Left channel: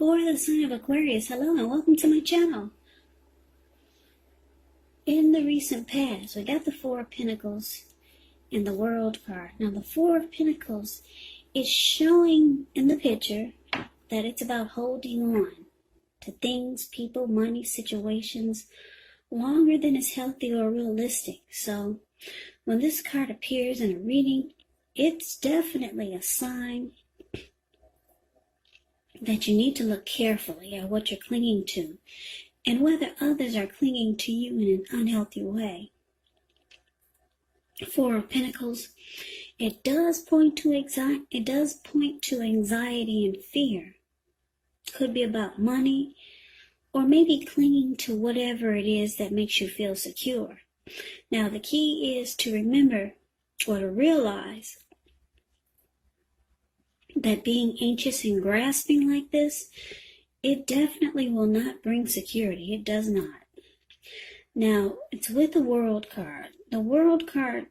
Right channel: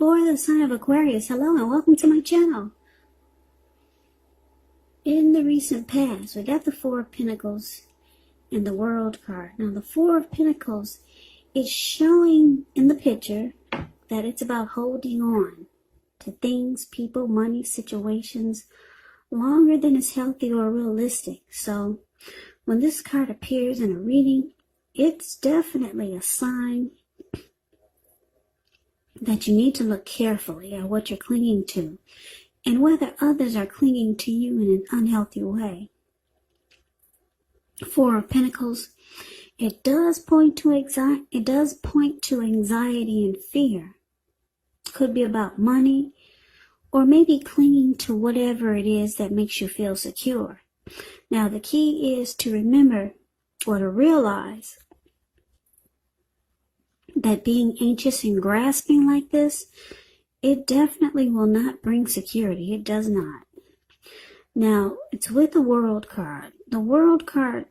For the sign of Aquarius, hello and welcome to my channel. In the recent past, we got the Four of Pentacles and the World card. Now the Four of Pentacles is showing in the picture that it's about holding on to things, people, money, situations longer than is healthy or realistic. So when this card appears in a reading, it's definitely a sign that you need to look carefully at what you're clinging to and whether others are clinging to you in an unhealthy way. Four of Pentacles, it does point to anxiety and fear. It could be about money or maybe clinging to whatever it is that makes you feel secure. Now the key is to remember or to realize that being anxious and grasping like this, it definitely will not bring security. It does not. Now, it's with the World card. The World card,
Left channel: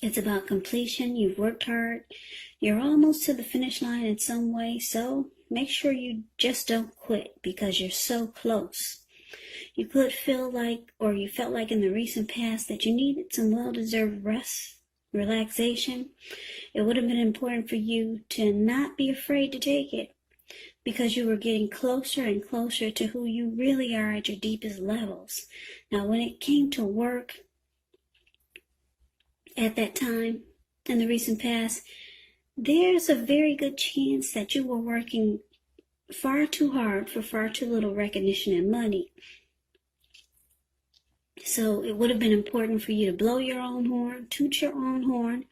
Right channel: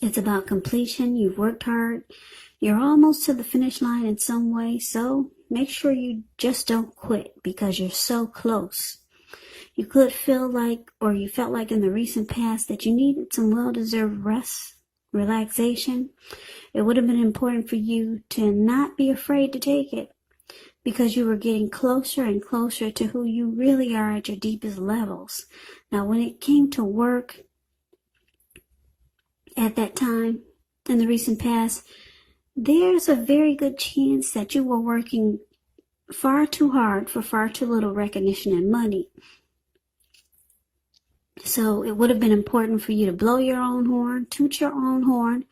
it's about completion. You've worked hard. You're almost to the finish line in some way. So make sure you just don't quit because you're so close. You could feel like, or you felt like in the recent past, that you needed some well-deserved rest, relaxation. It would have been important for you to not be afraid to take it because you were getting closer and closer to who you really are at your deepest levels. Now, when it came to work at that time in the recent past, there's a very good chance that you were working far too hard for far too little recognition and money. So it would have been important for you to blow your own horn, toot your own horn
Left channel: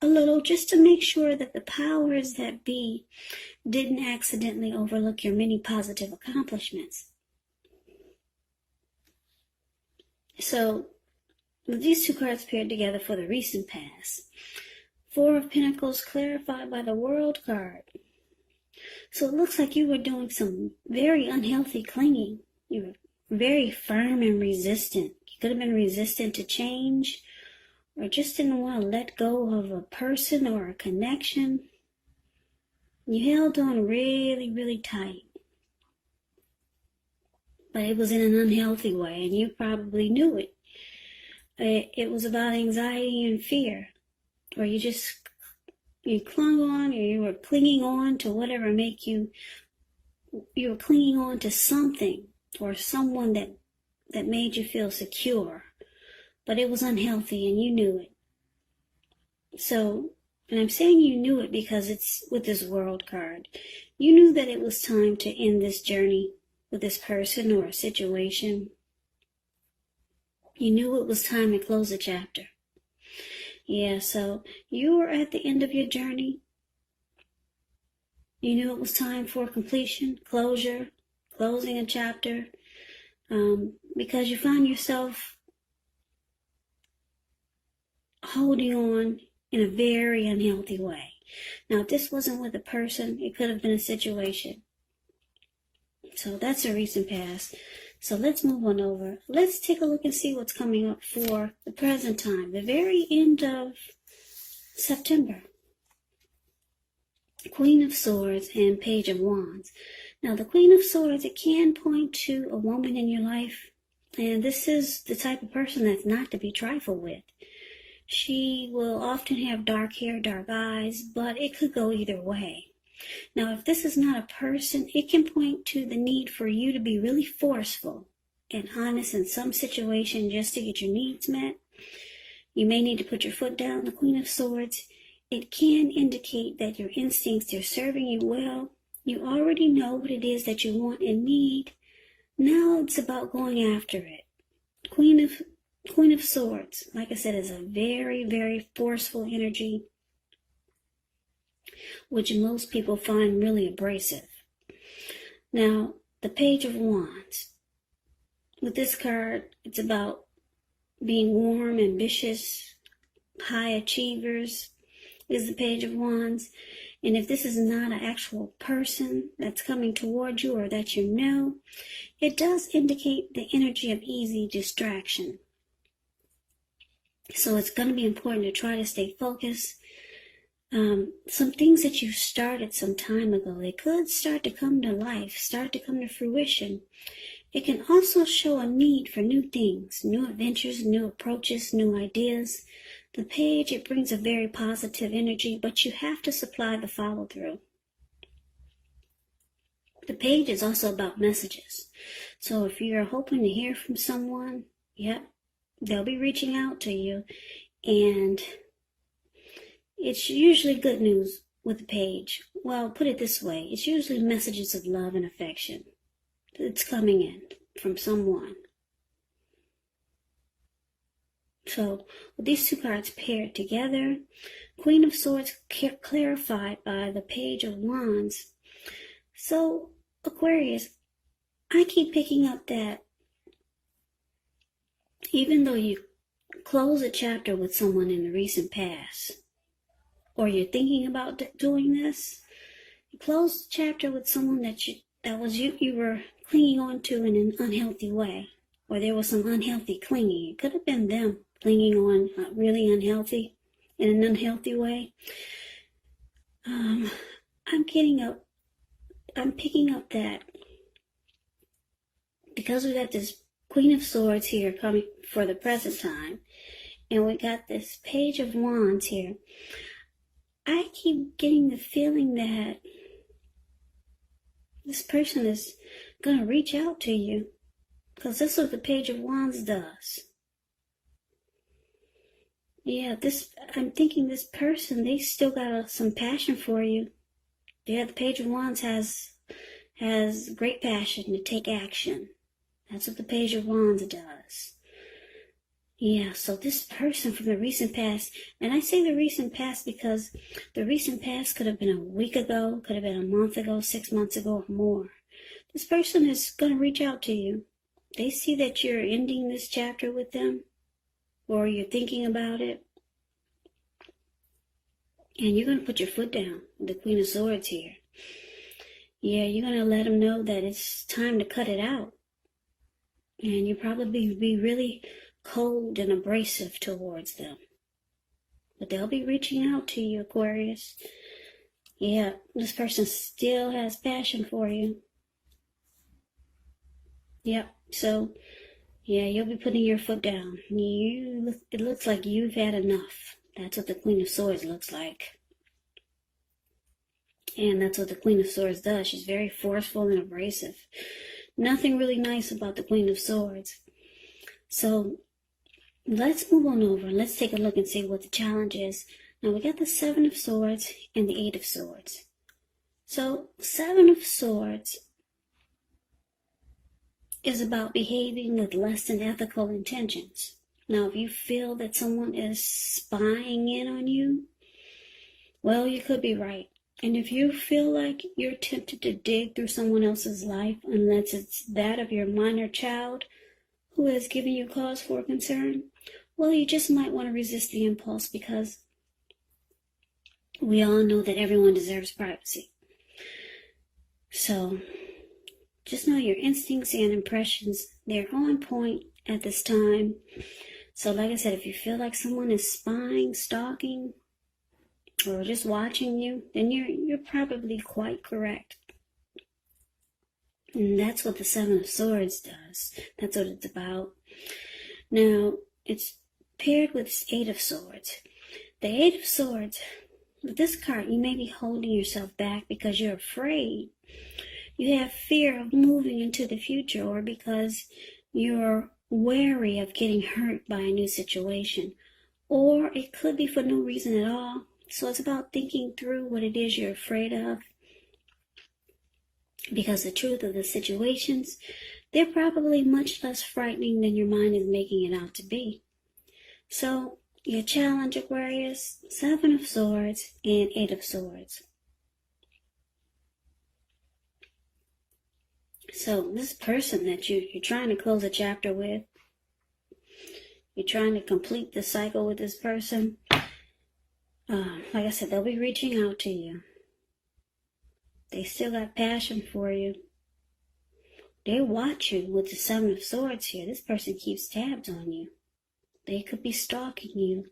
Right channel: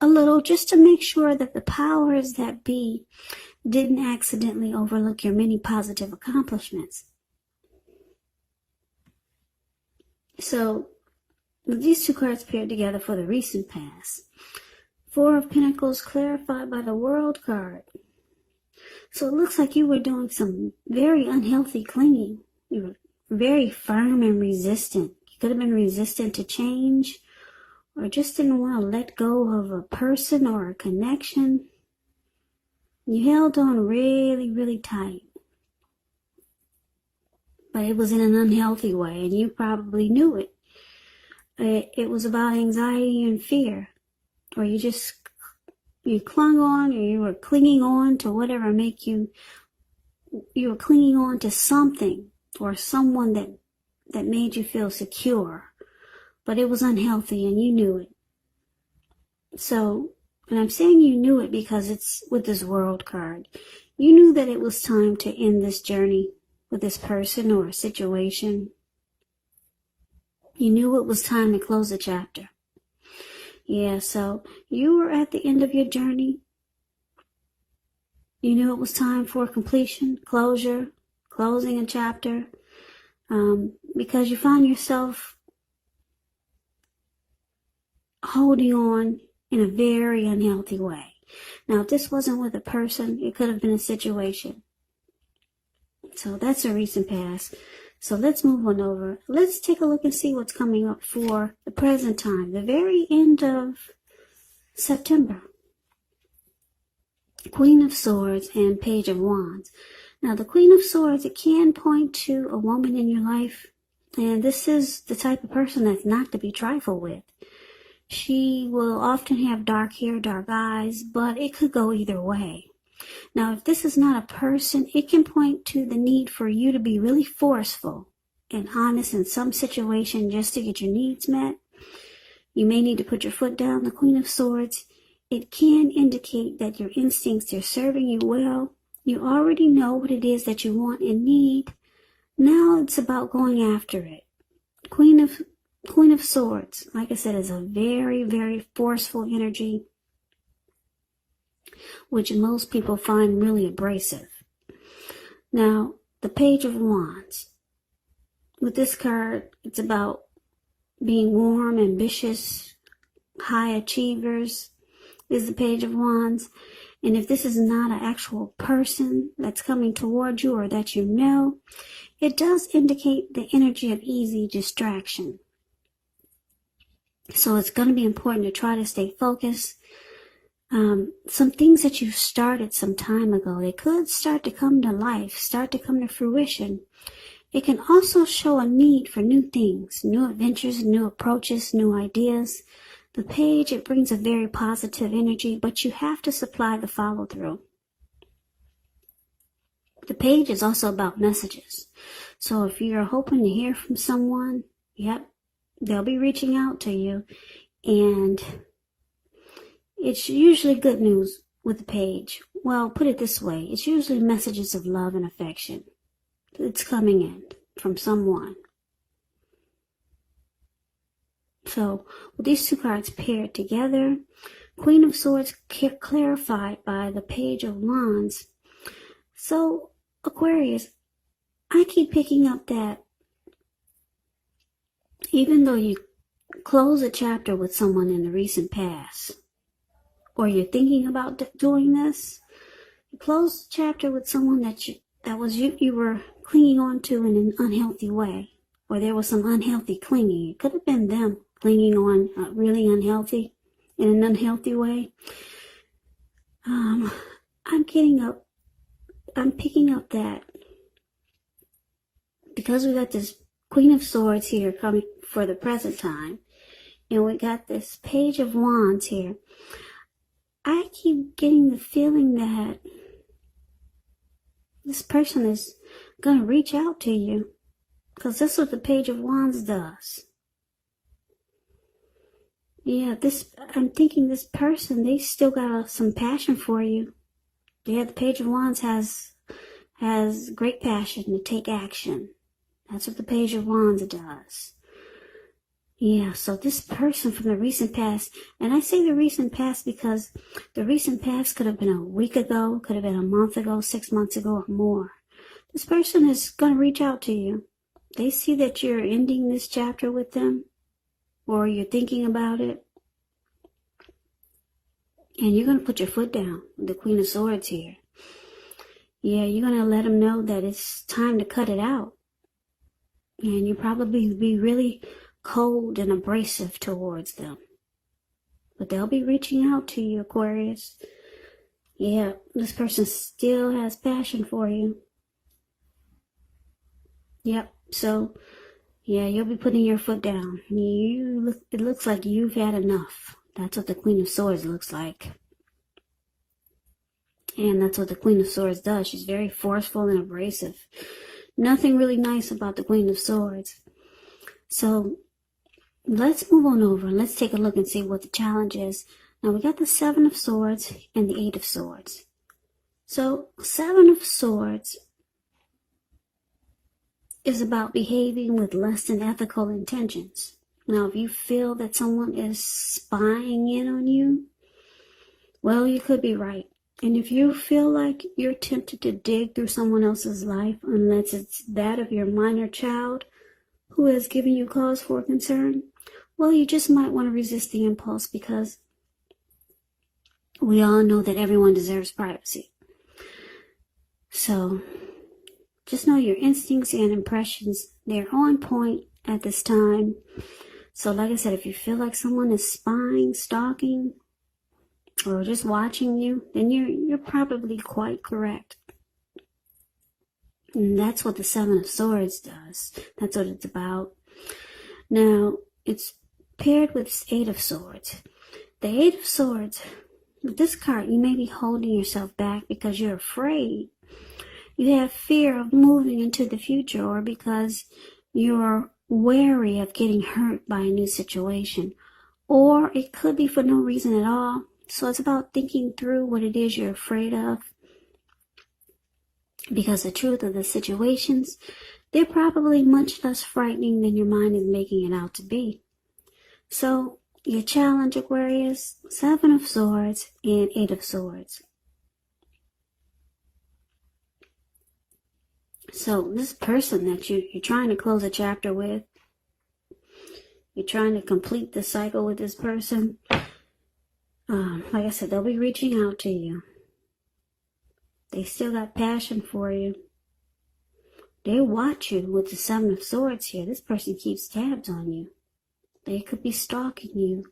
a little, just to make sure that the powers that be didn't accidentally overlook your many positive accomplishments. So these two cards paired together for the recent past. Four of Pentacles clarified by the World card. So it looks like you were doing some very unhealthy clinging. You were very firm and resistant. You could have been resistant to change, or just didn't want to let go of a person or a connection. You held on really, really tight. But it was in an unhealthy way, and you probably knew it. It was about anxiety and fear, or you clung on, or you were clinging on to whatever you were clinging on to something or someone that made you feel secure. But it was unhealthy and you knew it. So, and I'm saying you knew it because it's with this World card. You knew that it was time to end this journey with this person or a situation. You knew it was time to close a chapter. Yeah, so you were at the end of your journey. You knew it was time for completion, closure, closing a chapter, because you found yourself holding on in a very unhealthy way. Now, if this wasn't with a person, it could have been a situation. So that's a recent past. So let's move on over. Let's take a look and see what's coming up for the present time, the very end of September. Queen of Swords and Page of Wands. Now, the Queen of Swords, it can point to a woman in your life, and this is the type of person that's not to be trifled with. She will often have dark hair, dark eyes, but it could go either way. Now, if this is not a person, it can point to the need for you to be really forceful and honest in some situation just to get your needs met. You may need to put your foot down. The Queen of Swords, it can indicate that your instincts are serving you well. You already know what it is that you want and need. Now it's about going after it. Queen of Swords, like I said, is a very, very forceful energy, which most people find really abrasive. Now, the Page of Wands. With this card, it's about being warm, ambitious, high achievers is the Page of Wands. And if this is not an actual person that's coming towards you or that you know, it does indicate the energy of easy distraction. So it's going to be important to try to stay focused, some things that you started some time ago, they could start to come to life, start to come to fruition. It can also show a need for new things, new adventures, new approaches, new ideas. The page, it brings a very positive energy, but you have to supply the follow-through. The page is also about messages. So if you're hoping to hear from someone, yep, they'll be reaching out to you. And it's usually good news with the page. Well, put it this way. It's usually messages of love and affection. It's coming in from someone. So with these two cards paired together, Queen of Swords clarified by the Page of Wands. So Aquarius, I keep picking up that even though you close a chapter with someone in the recent past, or you're thinking about doing this, you close the chapter with someone that you were clinging on to in an unhealthy way, or there was some unhealthy clinging. It could have been them clinging on really unhealthy, in an unhealthy way. I'm picking up that because we got this Queen of Swords here coming for the present time, and we got this Page of Wands here, I keep getting the feeling that this person is going to reach out to you, because that's what the Page of Wands does. Yeah, I'm thinking this person, they still got some passion for you. Yeah, the Page of Wands has great passion to take action. That's what the Page of Wands does. Yeah, so this person from the recent past, and I say the recent past because the recent past could have been a week ago, could have been a month ago, 6 months ago, or more. This person is going to reach out to you. They see that you're ending this chapter with them, or you're thinking about it, and you're going to put your foot down with the Queen of Swords here. Yeah, you're going to let them know that it's time to cut it out. And you probably be really cold and abrasive towards them. But they'll be reaching out to you, Aquarius. Yeah, this person still has passion for you. Yep, so, yeah, you'll be putting your foot down. It looks like you've had enough. That's what the Queen of Swords looks like. And that's what the Queen of Swords does. She's very forceful and abrasive. Nothing really nice about the Queen of Swords. So let's move on over. Let's take a look and see what the challenge is. Now we got the Seven of Swords and the Eight of Swords. So Seven of Swords is about behaving with less than ethical intentions. Now if you feel that someone is spying in on you, well, you could be right. And if you feel like you're tempted to dig through someone else's life, unless it's that of your minor child who has given you cause for concern, well, you just might want to resist the impulse, because we all know that everyone deserves privacy. So just know your instincts and impressions, they're on point at this time. So like I said, if you feel like someone is spying, stalking, or just watching you, then you're probably quite correct. And that's what the Seven of Swords does. That's what it's about. Now, it's paired with this Eight of Swords. The Eight of Swords, with this card, you may be holding yourself back because you're afraid. You have fear of moving into the future, or because you're wary of getting hurt by a new situation. Or it could be for no reason at all. So it's about thinking through what it is you're afraid of. Because the truth of the situations, they're probably much less frightening than your mind is making it out to be. So your challenge, Aquarius, Seven of Swords and Eight of Swords. So this person that you're trying to close a chapter with, you're trying to complete the cycle with this person. Like I said, they'll be reaching out to you. They still got passion for you. They watch you with the Seven of Swords here. This person keeps tabs on you. They could be stalking you.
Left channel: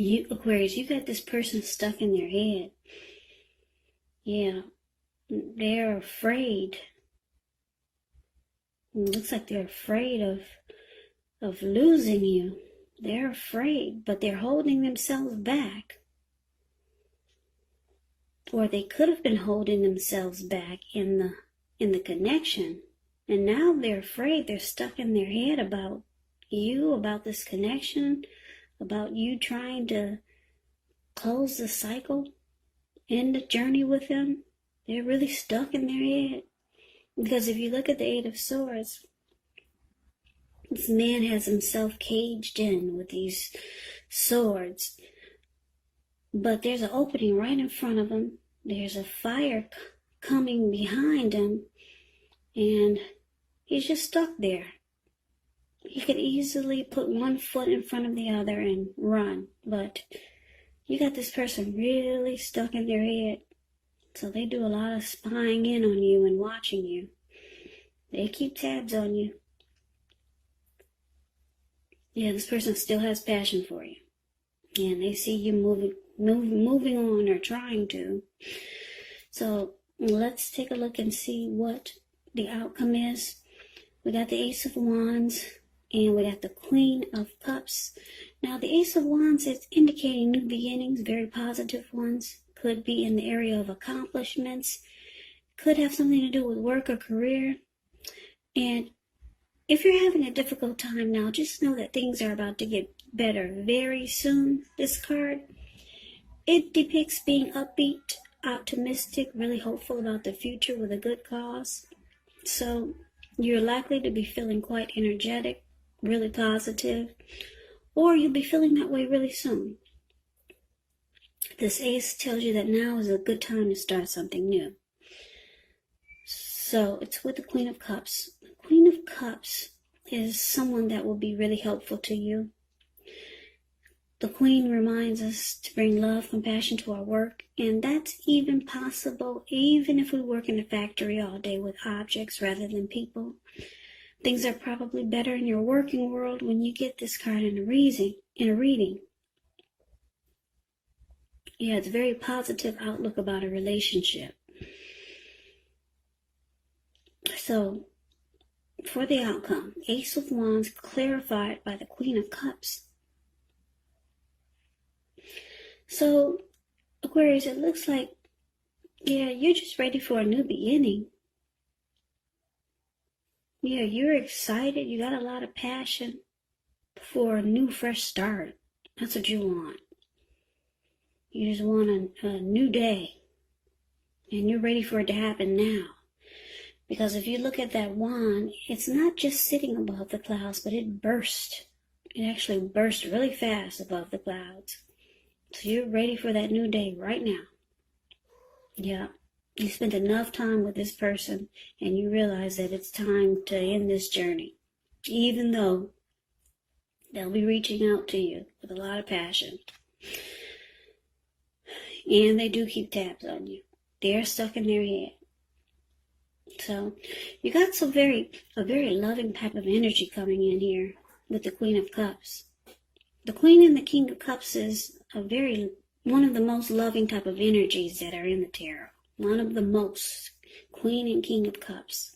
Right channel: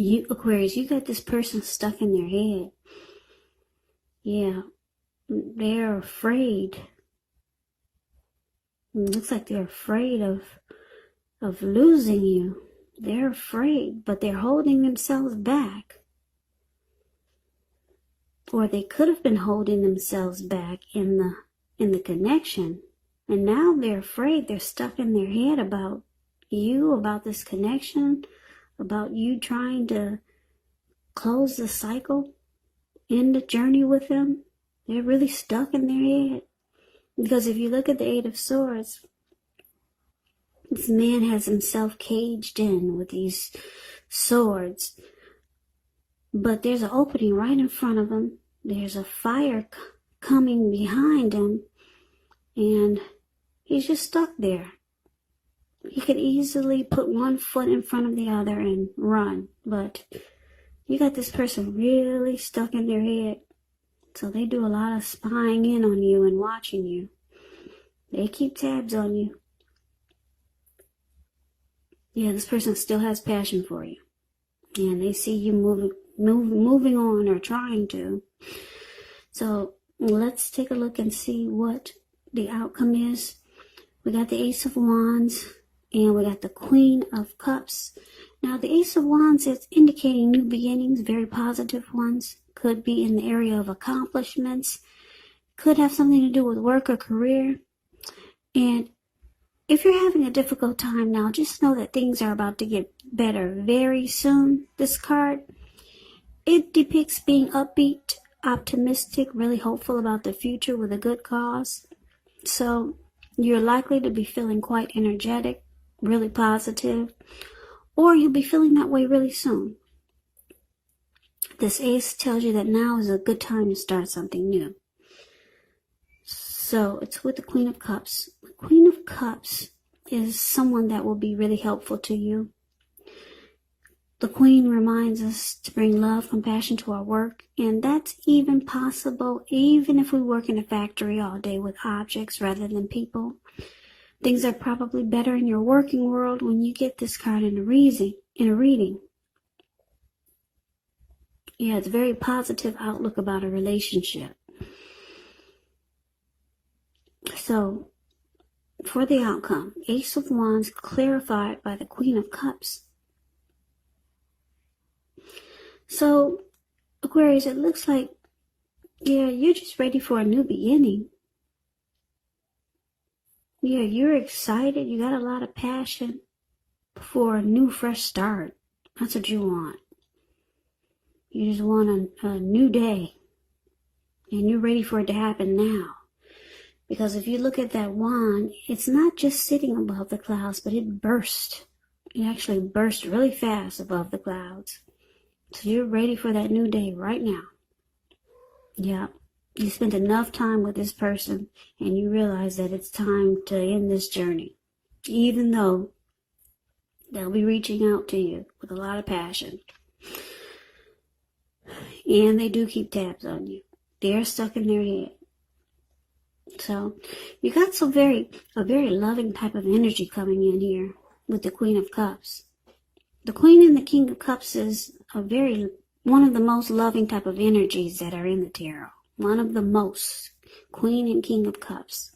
You, Aquarius, you got this person stuck in their head. Yeah, they're afraid. It looks like they're afraid of losing you. They're afraid, but they're holding themselves back. Or they could have been holding themselves back in the connection. And now they're afraid. They're stuck in their head about you, about this connection, about you trying to close the cycle, end the journey with them. They're really stuck in their head. Because if you look at the Eight of Swords, this man has himself caged in with these swords. But there's an opening right in front of him. There's a fire coming behind him. And he's just stuck there. He could easily put one foot in front of the other and run. But you got this person really stuck in their head. So they do a lot of spying in on you and watching you. They keep tabs on you. Yeah, this person still has passion for you. And they see you moving on or trying to. So let's take a look and see what the outcome is. We got the Ace of Wands and we got the Queen of Cups. Now the Ace of Wands is indicating new beginnings, very positive ones. Could be in the area of accomplishments. Could have something to do with work or career. And if you're having a difficult time now, just know that things are about to get better very soon. This card, it depicts being upbeat, optimistic, really hopeful about the future with a good cause. So you're likely to be feeling quite energetic, really positive, or you'll be feeling that way really soon. This ace tells you that now is a good time to start something new. So it's with the Queen of Cups. The Queen of Cups is someone that will be really helpful to you. The Queen reminds us to bring love, compassion to our work, and that's even possible even if we work in a factory all day with objects rather than people. Things are probably better in your working world when you get this card in a reading. Yeah, it's a very positive outlook about a relationship. So, for the outcome, Ace of Wands clarified by the Queen of Cups. So, Aquarius, it looks like, yeah, you're just ready for a new beginning. Yeah, you're excited. You got a lot of passion for a new, fresh start. That's what you want. You just want a new day. And you're ready for it to happen now. Because if you look at that wand, it's not just sitting above the clouds, but it burst. It actually burst really fast above the clouds. So you're ready for that new day right now. Yeah. You spent enough time with this person and you realize that it's time to end this journey. Even though they'll be reaching out to you with a lot of passion. And they do keep tabs on you. They're stuck in their head. So you got a very loving type of energy coming in here with the Queen of Cups. The Queen and the King of Cups is one of the most loving type of energies that are in the tarot. One of the most. Queen and King of Cups.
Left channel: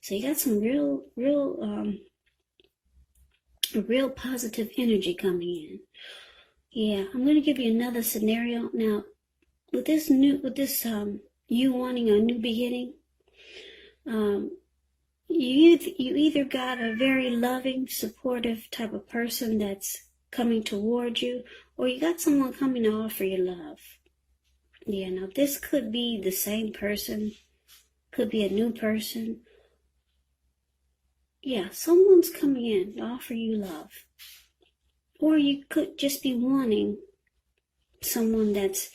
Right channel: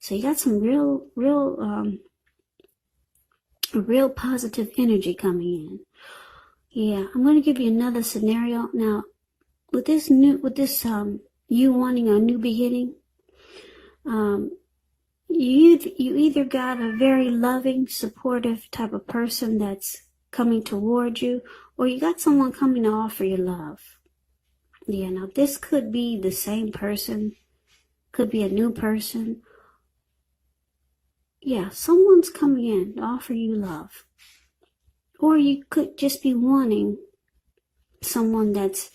So you got some real positive energy coming in. Yeah, I'm going to give you another scenario. Now, with this you wanting a new beginning, you either got a very loving, supportive type of person that's coming toward you, or you got someone coming to offer you love. Yeah, now this could be the same person, could be a new person. Yeah, someone's coming in to offer you love. Or you could just be wanting someone that's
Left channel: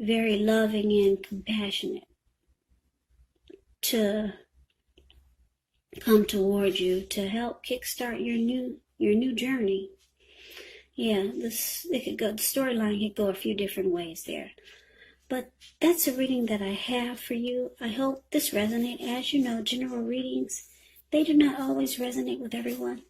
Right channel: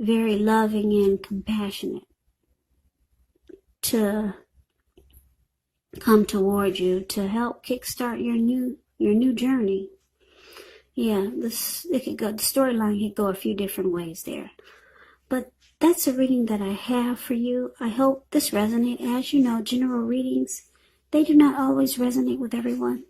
very loving and compassionate to come toward you to help kickstart your new journey. Yeah, the storyline could go a few different ways there. But that's a reading that I have for you. I hope this resonates. As you know, general readings, they do not always resonate with everyone.